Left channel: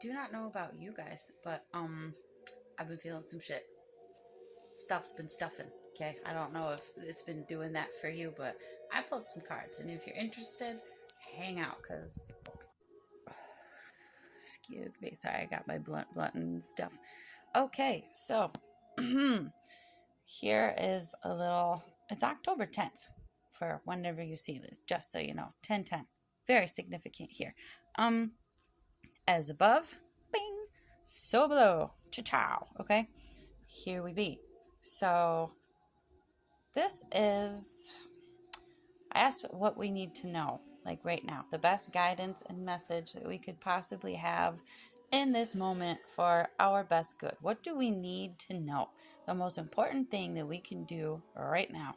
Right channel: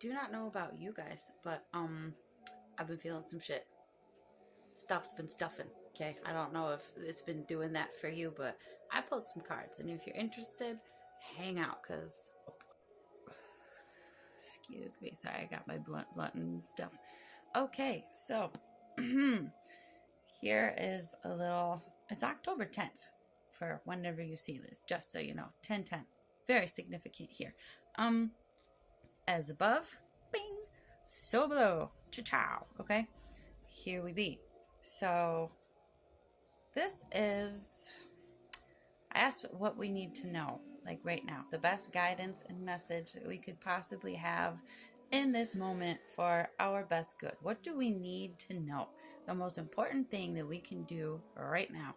do not know about you guys, but I've been feeling some shit. Stuff's been stuffing. Okay, I don't know if it's been doing that for you, but I pulled some cards, and if you're interested, hang out, cause excuse me, sorry, I got my blunt and stuff. Okay, so here is a little. It's October 10th for whenever you see this, just so you know. 10/10, very significant here. Um, as above, bing, so below, cha-chow. Okay, here we be. So this is, I asked what we need to know, like right now, the best guidance and message that we could possibly have in this moment for our best good. What do we need to know? The most important thing that we can do right now.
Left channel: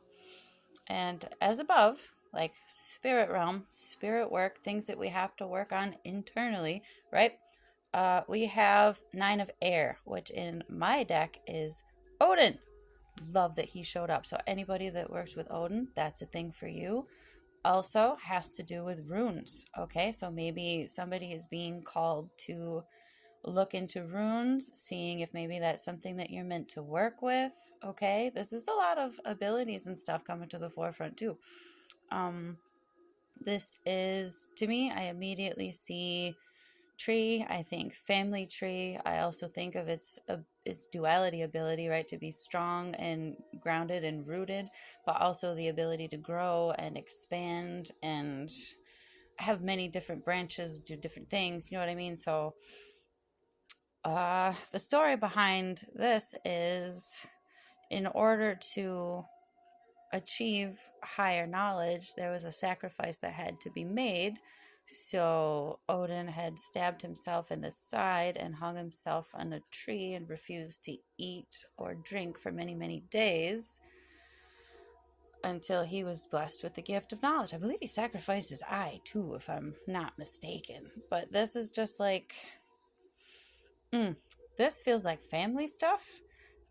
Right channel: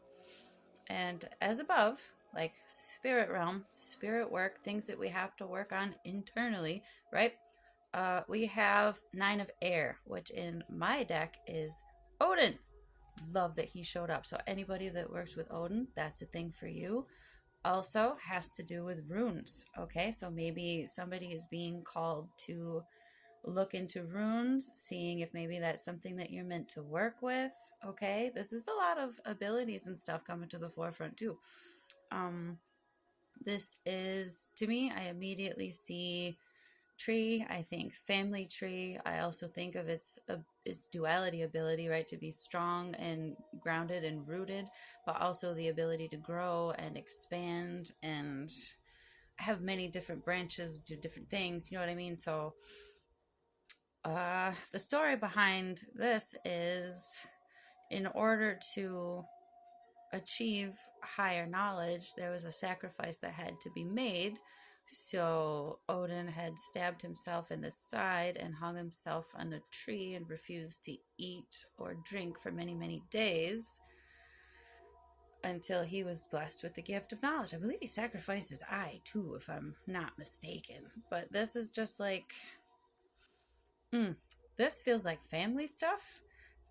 And as above, like spirit realm, spirit work, things that we have to work on internally, right? We have Nine of Air, which in my deck is Odin. Love that he showed up. So anybody that works with Odin, that's a thing for you. Also has to do with runes. Okay, so maybe somebody is being called to look into runes, seeing if maybe that's something that you're meant to work with. Okay, this is a lot of abilities and stuff coming to the forefront too. Um, this is, to me, I immediately see tree. I think family tree. I also think of its duality ability, right, to be strong and grounded and rooted, but also the ability to grow and expand and have many different branches, do different things. You know what I mean? So, the story behind this is, in order to achieve higher knowledge, there was a sacrifice that had to be made. So Odin had stabbed himself in the side and hung himself on a tree and refused to eat or drink for many, many days until he was blessed with the gift of knowledge. I believe he sacrificed his eye too, if I'm not mistaken. But this is just like, this feels like family stuff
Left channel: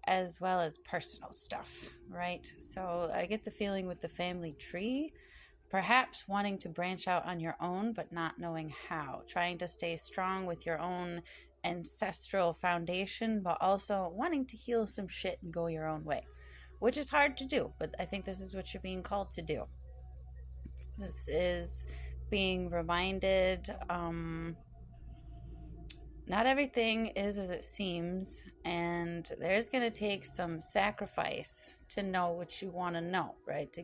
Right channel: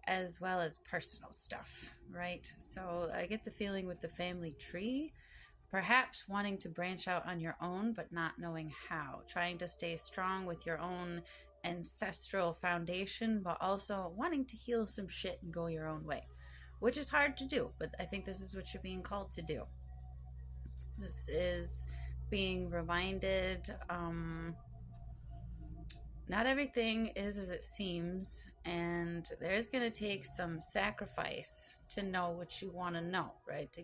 as well as personal stuff, right? So I get the feeling with the family tree, perhaps wanting to branch out on your own, but not knowing how, trying to stay strong with your own ancestral foundation, but also wanting to heal some shit and go your own way, which is hard to do, but I think this is what you're being called to do. This is being reminded, not everything is as it seems, and there's going to take some sacrifice to know what you want to know, right?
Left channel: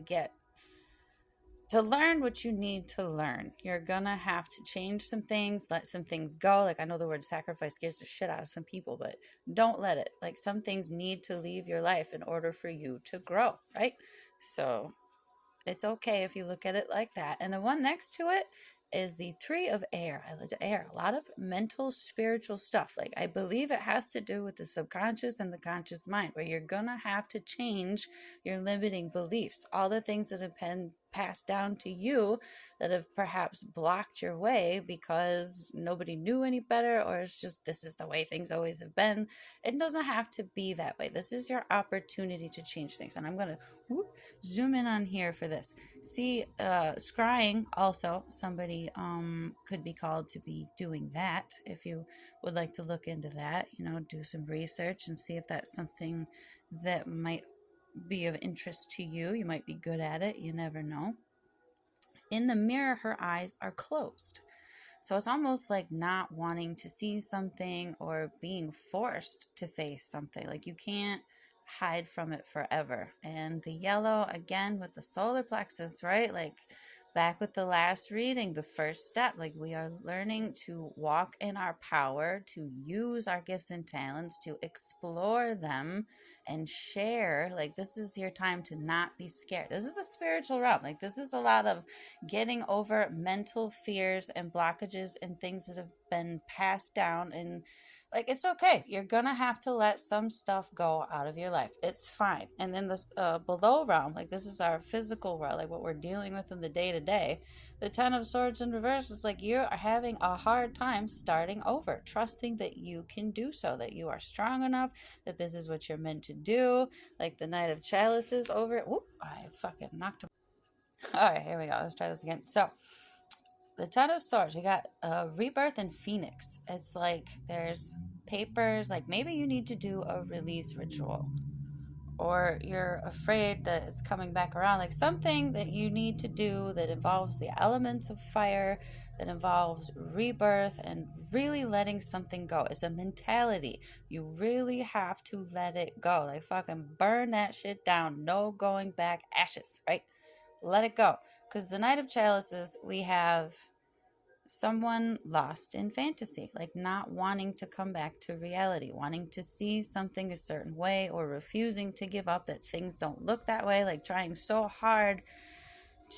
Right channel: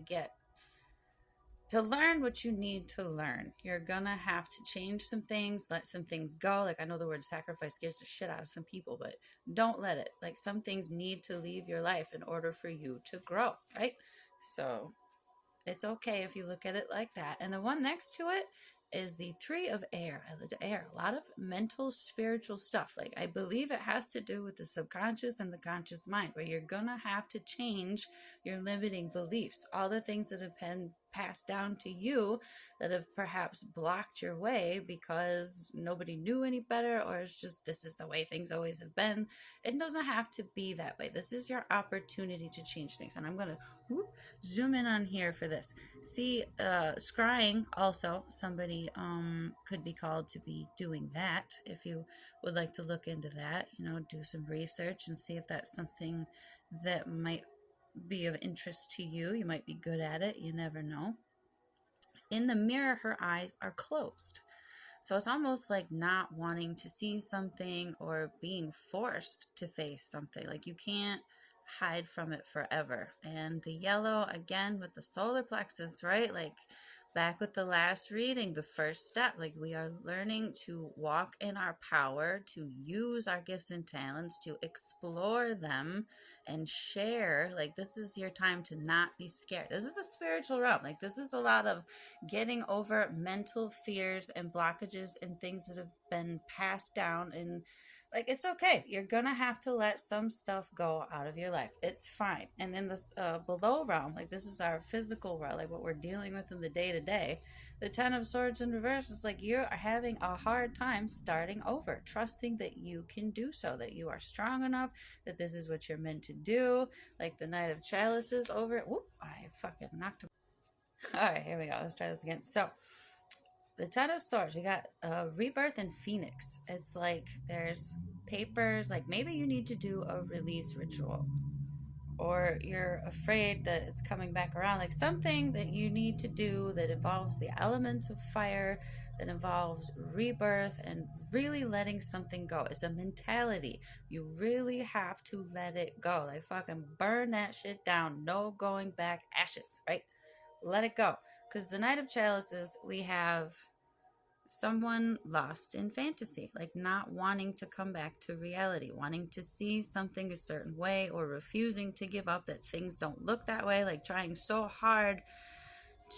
To learn what you need to learn. You're gonna have to change some things, let some things go. Like, I know the word sacrifice scares the shit out of some people, but don't let it. Like, some things need to leave your life in order for you to grow, right? So it's okay if you look at it like that. And the one next to it is the Three of Air. I like air. A lot of mental, spiritual stuff. Like, I believe it has to do with the subconscious and the conscious mind, where you're gonna have to change your limiting beliefs. All the things that have been passed down to you that have perhaps blocked your way because nobody knew any better, or it's just this is the way things always have been. It doesn't have to be that way. This is your opportunity to change things. And I'm gonna zoom in on here for this. See, scrying also, somebody could be called to be doing that. If you would like to look into that, do some research and see if that's something that might be of interest to you. You might be good at it, you never know. In the mirror, her eyes are closed. So it's almost like not wanting to see something or being forced to face something. Like, you can't hide from it forever. And the yellow, again, with the solar plexus, right? Like, back with the last reading, the first step, like, we are learning to walk in our power, to use our gifts and talents, to explore them and share. Like, this is your time to not be scared. This is the spiritual realm. Like, this is a lot of getting over mental fears and blockages and things that have been passed down. And like, it's okay. You're gonna have to let some stuff go out of your life. It's fine. And in this below realm, like, this is our physical realm, like what we're dealing with in the day to day. The Ten of Swords in reverse is like you're having a hard time starting over, trusting that you can do so, that you are strong enough, that this is what you're meant to do. Like the Knight of Chalices over. Whoop! I fucking knocked him. All right, here we go. Let's try this again. So, the Ten of Swords, we got rebirth and phoenix. It's like there's papers, like maybe you need to do a release ritual, or you're afraid that it's coming back around, like something that you need to do that involves the elements of fire, that involves rebirth and really letting something go. It's a mentality. You really have to let it go. Like fucking burn that shit down. No going back, ashes, right? Let it go. Because the Knight of Chalices, we have someone lost in fantasy, like not wanting to come back to reality, wanting to see something a certain way, or refusing to give up that things don't look that way, like trying so hard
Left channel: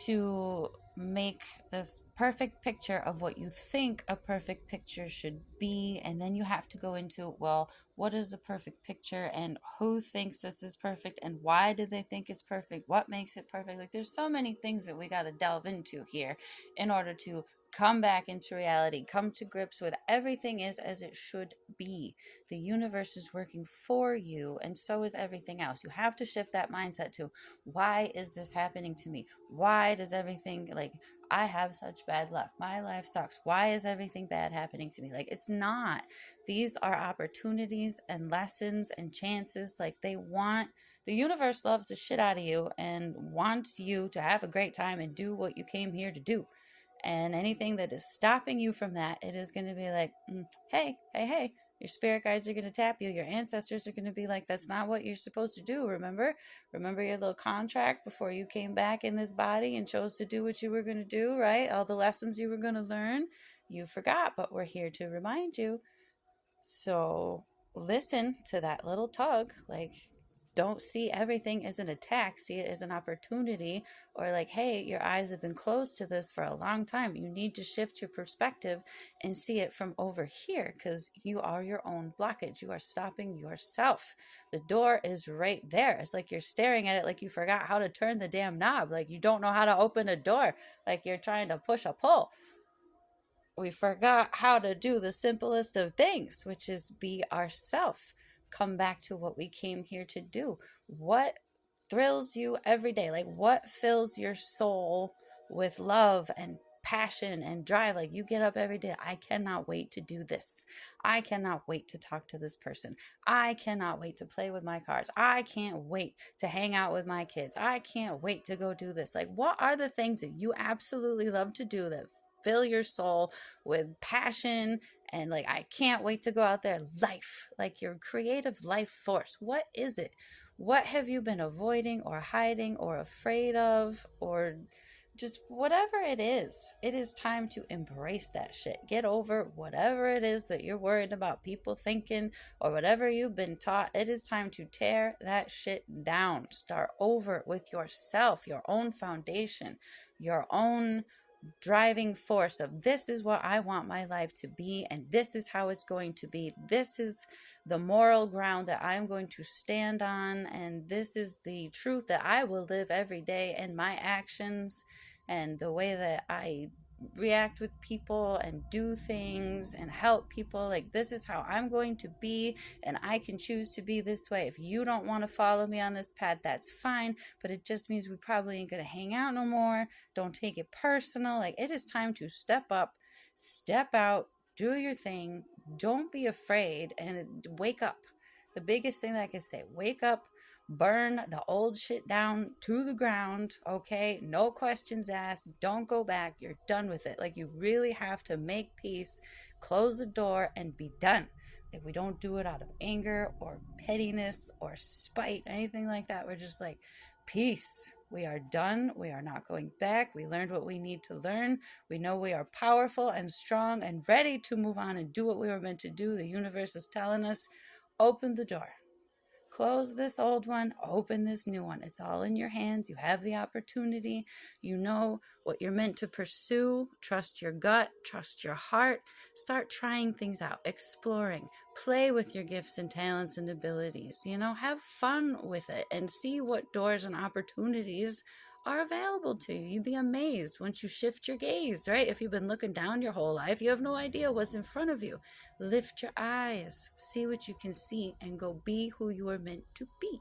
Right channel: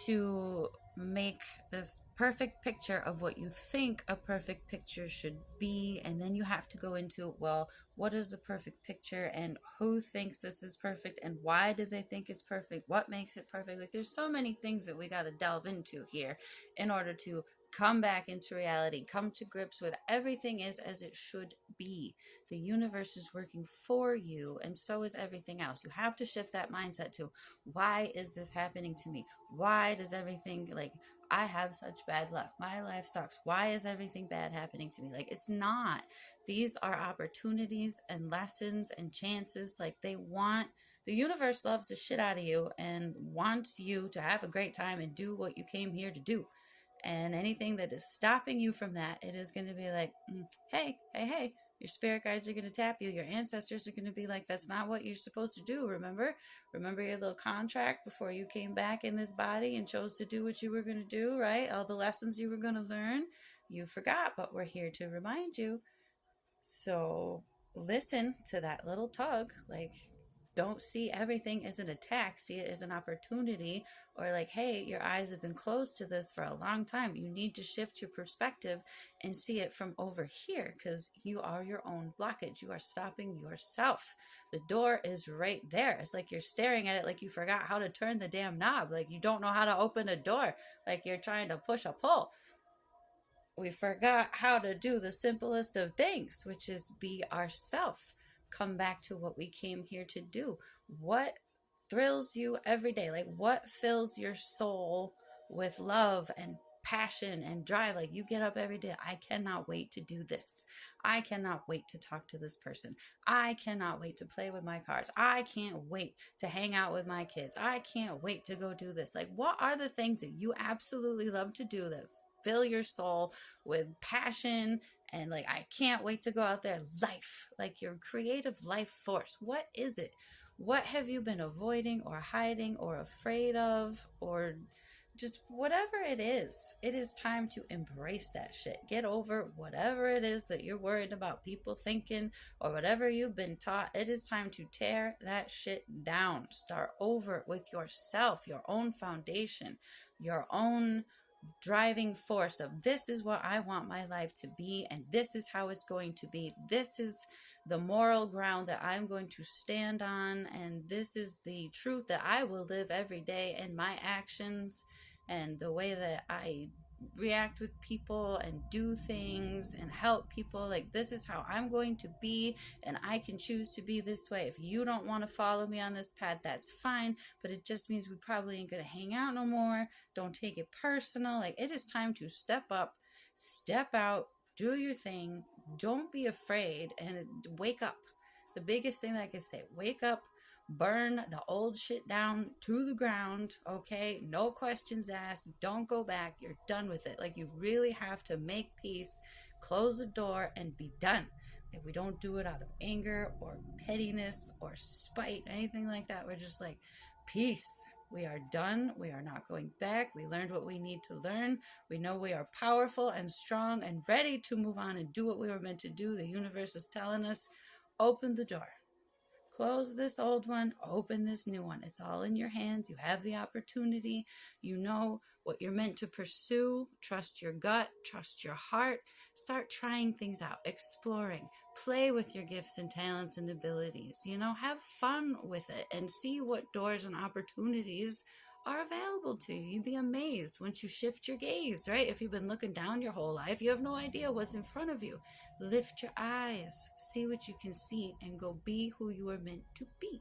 to make this perfect picture of what you think a perfect picture should be. And then you have to go into, well, what is a perfect picture, and who thinks this is perfect, and why do they think it's perfect, what makes it perfect? Like there's so many things that we got to delve into here in order to come back into reality, come to grips with everything is as it should be. The universe is working for you, and so is everything else. You have to shift that mindset to, why is this happening to me? Why does everything, like, I have such bad luck, my life sucks, why is everything bad happening to me? Like, it's not. These are opportunities and lessons and chances. Like, the universe loves the shit out of you and wants you to have a great time and do what you came here to do. And anything that is stopping you from that, it is going to be like, hey, your spirit guides are going to tap you. Your ancestors are going to be like, that's not what you're supposed to do. Remember your little contract before you came back in this body and chose to do what you were going to do, right? All the lessons you were going to learn, you forgot, but we're here to remind you. So listen to that little tug. Like, don't see everything as an attack. See it as an opportunity, or like, hey, your eyes have been closed to this for a long time. You need to shift your perspective and see it from over here, because you are your own blockage. You are stopping yourself. The door is right there. It's like you're staring at it like you forgot how to turn the damn knob. Like you don't know how to open a door. Like you're trying to push a pull. We forgot how to do the simplest of things, which is be ourself. Come back to what we came here to do. What thrills you every day? Like, what fills your soul with love and passion and drive? Like, you get up every day, I cannot wait to do this. I cannot wait to talk to this person. I cannot wait to play with my cards. I can't wait to hang out with my kids. I can't wait to go do this. Like, what are the things that you absolutely love to do that fill your soul with passion? And like, I can't wait to go out there. Life, like your creative life force. What is it? What have you been avoiding or hiding or afraid of, or just whatever it is time to embrace that shit. Get over whatever it is that you're worried about people thinking, or whatever you've been taught. It is time to tear that shit down. Start over with yourself, your own foundation, your own driving force of, this is what I want my life to be, and this is how it's going to be. This is the moral ground that I'm going to stand on, and this is the truth that I will live every day, and my actions and the way that I react with people and do things and help people, like this is how I'm going to be, and I can choose to be this way. If you don't want to follow me on this path, that's fine, but it just means we probably ain't gonna hang out no more. Don't take it personal. Like, it is time to step up, step out, do your thing. Don't be afraid, and wake up. The biggest thing that I can say, wake up. Burn the old shit down to the ground, okay? No questions asked. Don't go back. You're done with it. Like, you really have to make peace, close the door, and be done. Like, we don't do it out of anger or pettiness or spite, anything like that. We're just like, peace. We are done. We are not going back. We learned what we need to learn. We know we are powerful and strong and ready to move on and do what we were meant to do. The universe is telling us, open the door. Close this old one, open this new one. It's all in your hands. You have the opportunity. You know what you're meant to pursue. Trust your gut, trust your heart. Start trying things out, exploring. Play with your gifts and talents and abilities. Have fun with it and see what doors and opportunities are available to you. You'd be amazed once you shift your gaze, right? If you've been looking down your whole life, you have no idea what's in front of you. Lift your eyes, see what you can see, and go be who you are meant to be.